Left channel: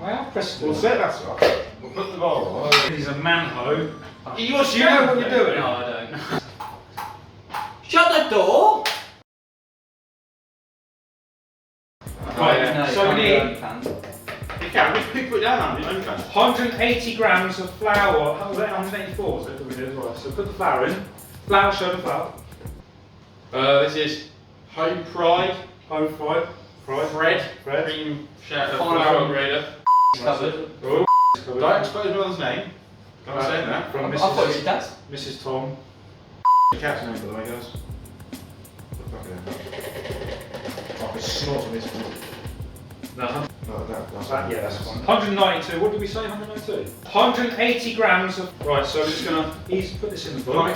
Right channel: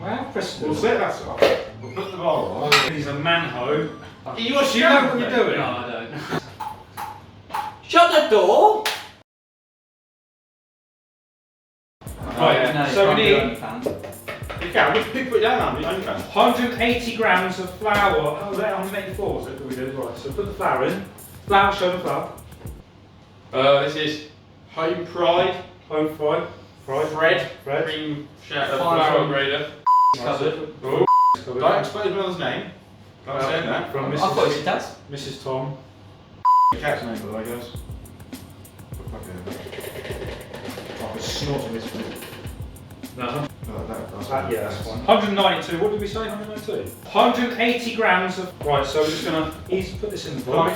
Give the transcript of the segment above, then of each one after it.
Well, Crystal. We'll set that up. We'll put the bowl on. He's a manho. You Do you know what you're doing? No, I don't. Shut the door! Right, No, so we you need can't. You can, just put it down, Andy. You can. 180 grams of flour. How was that? 184 was it that we did? Right, so put the flour in. Flour, show the flour. This is home fried Home fried. bread, Bread. cream shatter, Fine. flour grader. Covered. Oh, Covered. don't expose his mother's name. Can't say that. From I thought it was Mrs. Dad's. Mrs. Tom. The cat's name, by the way, guys. Like a snort of his food. No, Yeah, that's fine. 192. What did we say? 192. 180 grams of. Right, so we're just gonna put this in the bowl.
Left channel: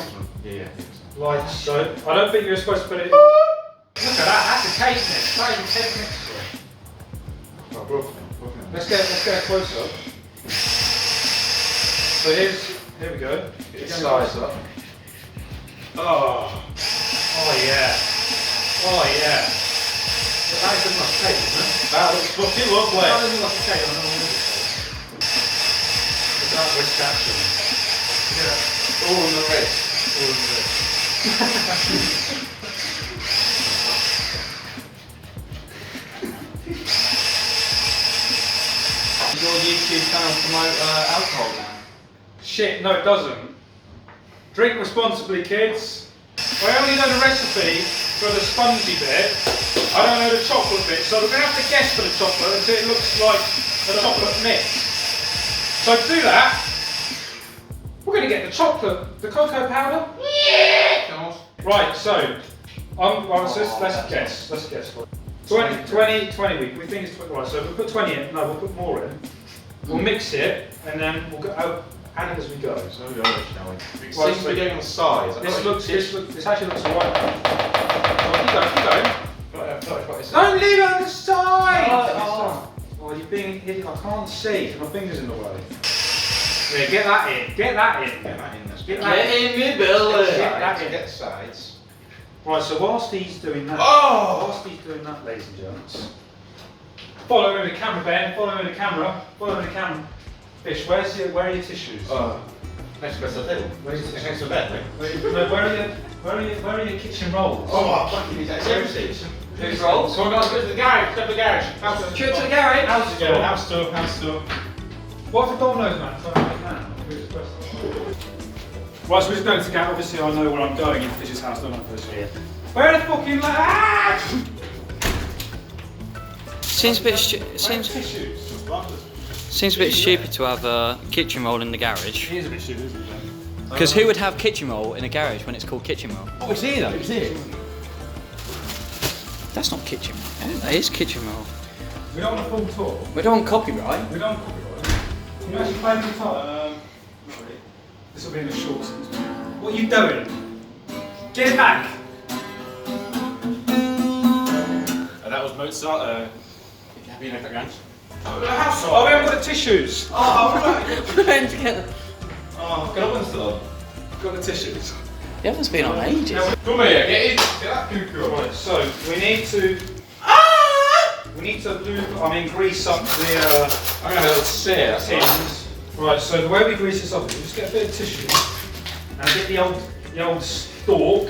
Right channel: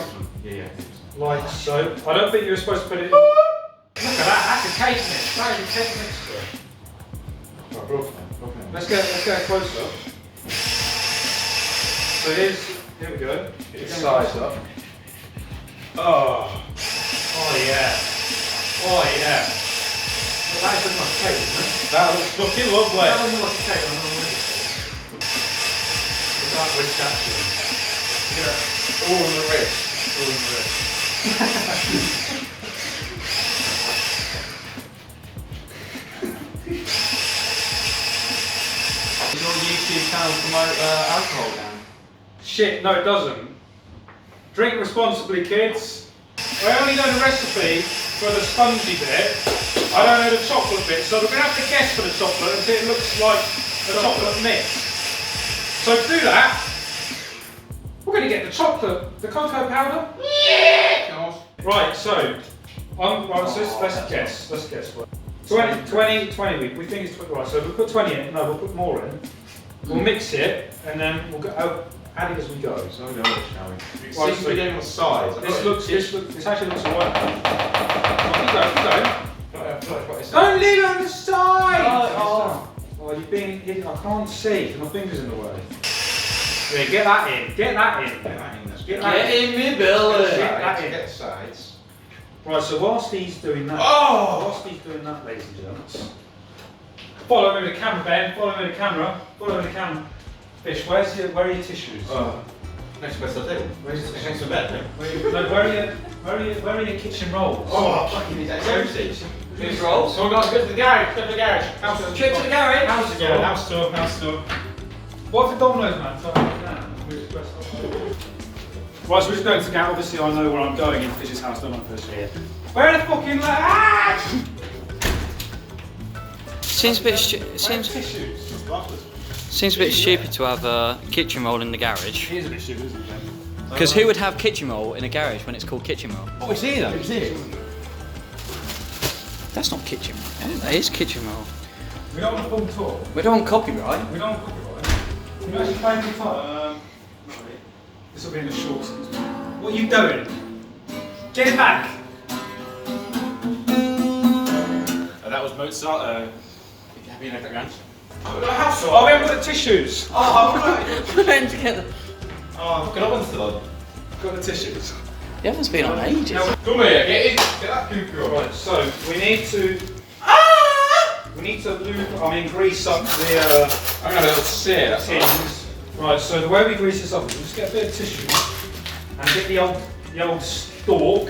Yeah. Like so. I don't think you're supposed to put it in. Look at that. That's a cake mix. That is a cake mix. Right, bro. Let's go close up. So here we go. Get the size up. Oh yeah. Oh yeah. That is like a cake, isn't it? That looks fucking lovely. That doesn't look like a cake. I don't know what it is. Look at that wrist action. All in the wrist. All in the wrist. Does your YouTube channel promote alcohol now? Shit, no it doesn't. Drink responsibly, kids. I only know the recipe for the spongy bit. I don't know the chocolate bit, so we're going to have to guess for the chocolate until it looks like a chocolate mix. So to do that, we're going to get the cocoa powder. Yeah! Right, so, let's guess. 20, we think it's, right, so we'll put 20 in, no, we'll put more in. We'll mix it, and then we'll go, add it as we go. So we'll go over, shall we? It Right, seems to be getting the size. This actually looks alright. Keep going. Don't leave it on the side! Oh, you're being an idiot. I can't see. My finger's in the way. Yeah, get that in. Get that in. Get that in. Get that Get in my belly! Get the sides. Right, so whilst he's doing that, ladies and gents, follow me with the camera, Ben. Follow me with the camera. Fish, where are your tissues? Next best I do. Where's your Next to bed, where are your kitchen rolls? Oh, I thought you need that seriously. Who's rolls? So we're going to go to the garage. Go to the garage. Trip to the garage! House tour. What for Domino's, man? Right, so we're just going to get. Obviously, I know where I'm going in Fish's house, don't I, Fish? Yeah. Where the fucking Seems a bit tissues? seems a bit stupid to have a kitchen roll in the garage. It is a bit stupid, isn't it? Because who would have kitchen roll in a garage when it's called kitchen roll? Oh, it's here though. It's here. That's not kitchen roll. That is kitchen roll. We don't want a full tour. We don't want copyright. We don't want copyright. Can you actually play the guitar? Not really. This will be in the shorts. What are you doing? Get it back! That was Mozart. If you're happy enough, guys. Oh, we haven't got the tissues. We're going together. Oh, can I want still on? Got the tissues. You haven't been on ages. Come here, get that cuckoo on. Right, so we need to grease up the I'm going to have a little sear, that's all right. tins. Right, so the way we grease this up is we just get a bit of tissue and get the old stalk.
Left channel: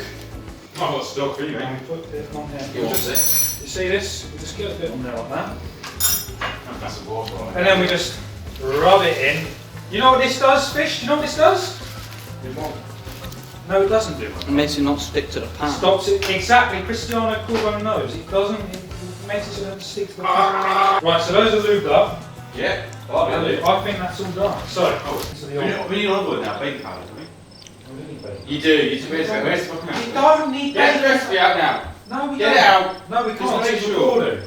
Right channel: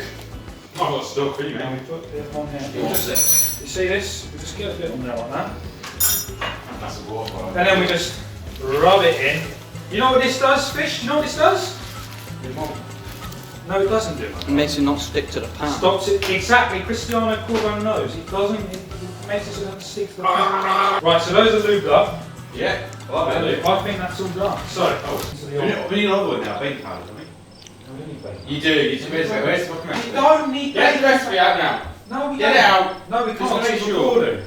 Not got stuck, are you, And mate? we put it on here. You see this? We just get a bit on there like that. That's a water. And then we just rub it in. You know what this does, Fish? Do you know what this does? No, it doesn't do it. It makes it not stick to the pan. Stops it. Exactly, Cristiano Corbo knows. It doesn't, it makes it so it doesn't stick to the pan. Right, so those are lubed up. Yeah. I think that's all done. So, to the old. We need another one now, baking powder, don't we? You do. Where's the fucking We don't need Get the bacon. recipe out now. No, we Get don't. it out. No, we Just can't. make It's sure. recorded.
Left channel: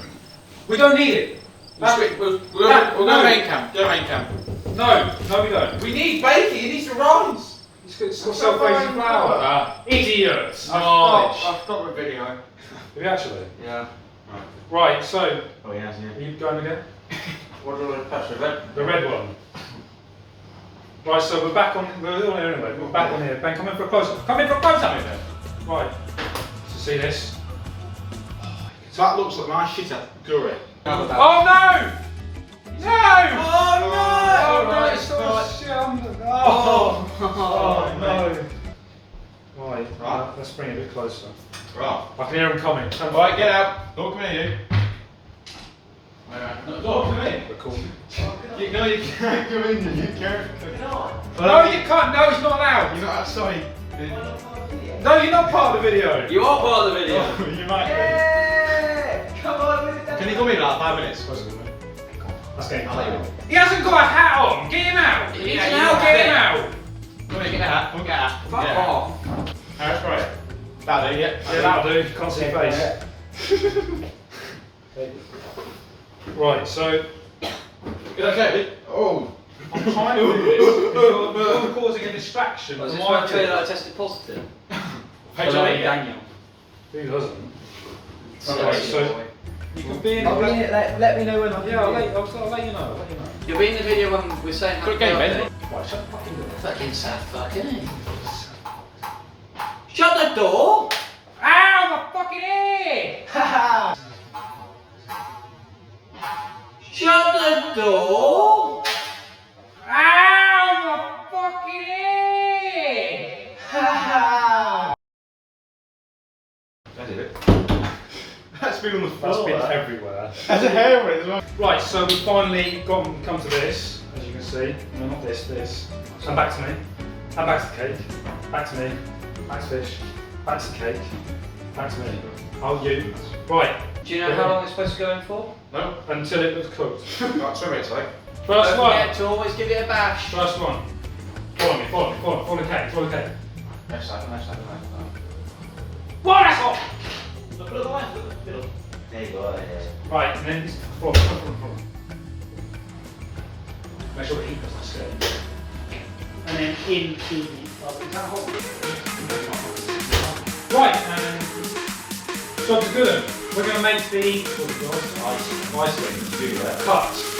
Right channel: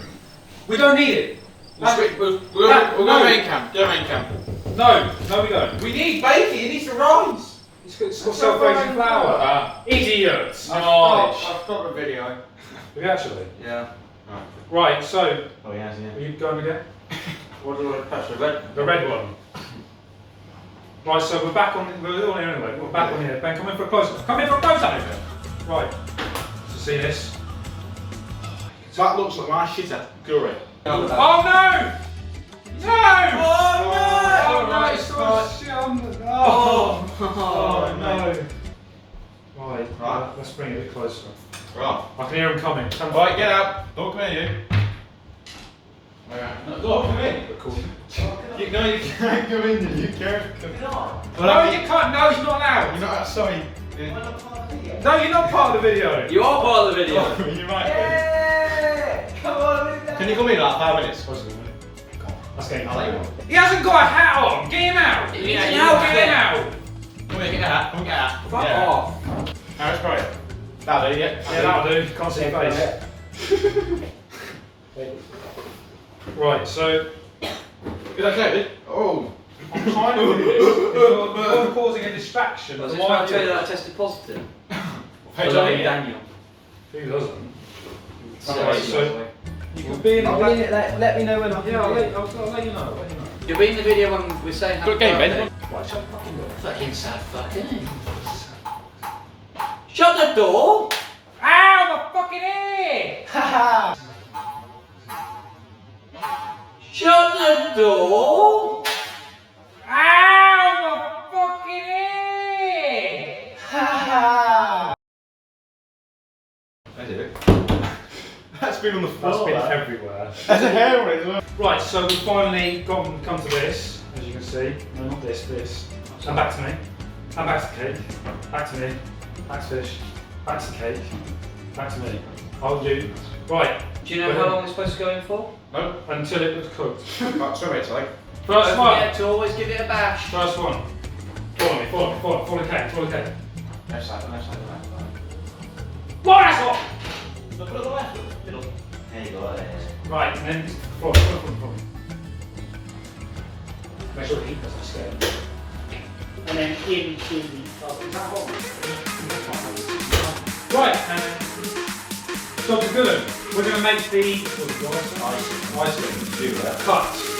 We don't need it. We'll go main camp. Go main camp. No, we don't. We need bacon. It needs to rise. It's got self-raising flour. Idiots. I've stopped the video. Have you actually? Yeah. Right, so, Oh, he has, are yeah. you going again? What do I touch? The red? The red one. Right, so we're back on, we're on here anyway. We're back on here. Ben, come in for a close-up. Come in for a close-up. Right. So see this? So that looks like my shit at curry. Oh no! No! Oh no! It's not shit on the. Oh no! Right, let's bring it a bit closer. Right. I can hear him coming. Alright, get out. Don't come here, you. No, don't come in. We're cool. You can't come in, you can't. No, you can't. No, he's not allowed. You're not outside. No, you're not part of the video. You are part of the video. You might Can you come in like 5 minutes? Let's get him out. He hasn't got a hat on. Get him out. Get him out. Come here, get a hat. Come on, get a hat. Fuck off. No, that's great. That'll do, yeah. Yeah, that'll do. Can't see your face. Right, so Is that okay? Oh. I'm trying to do this. You're causing a distraction. I was from just my trying to tell you view. that I tested positive. Hey, For Johnny. Lonnie Daniel. Who doesn't? So, Right, so you can be in the. Let me know when I'm Yeah, I'll let you know. You'll be in the video when we're saying happy Good game, birthday. Ben. Right, shut the fucking door. Fucking sad fucking. Shut the door! Ow, my fucking ear! Shut the door! Ow, my fucking ear! That's it. That's been on the floor. That's been everywhere. There's a hair on it as well. Right, so we've finally come to this, as you can see. This. And back to me. And back to the cake. Back to me. Back to fish. Back to the cake. Back to me. Oh, you. Right. Do you know how long it's supposed to go in for? No. Until it was cooked. About 2 minutes, like. First Don't one. forget to always give it a bash. First one. Follow me. Follow the cake. Left side. Whoa, that's hot! Look at the line. Middle. There you go. Right, and then follow. Make sure the heat doesn't stay. And then into the Right, and so to good, we're going to make the Ice cream. Do that. cut.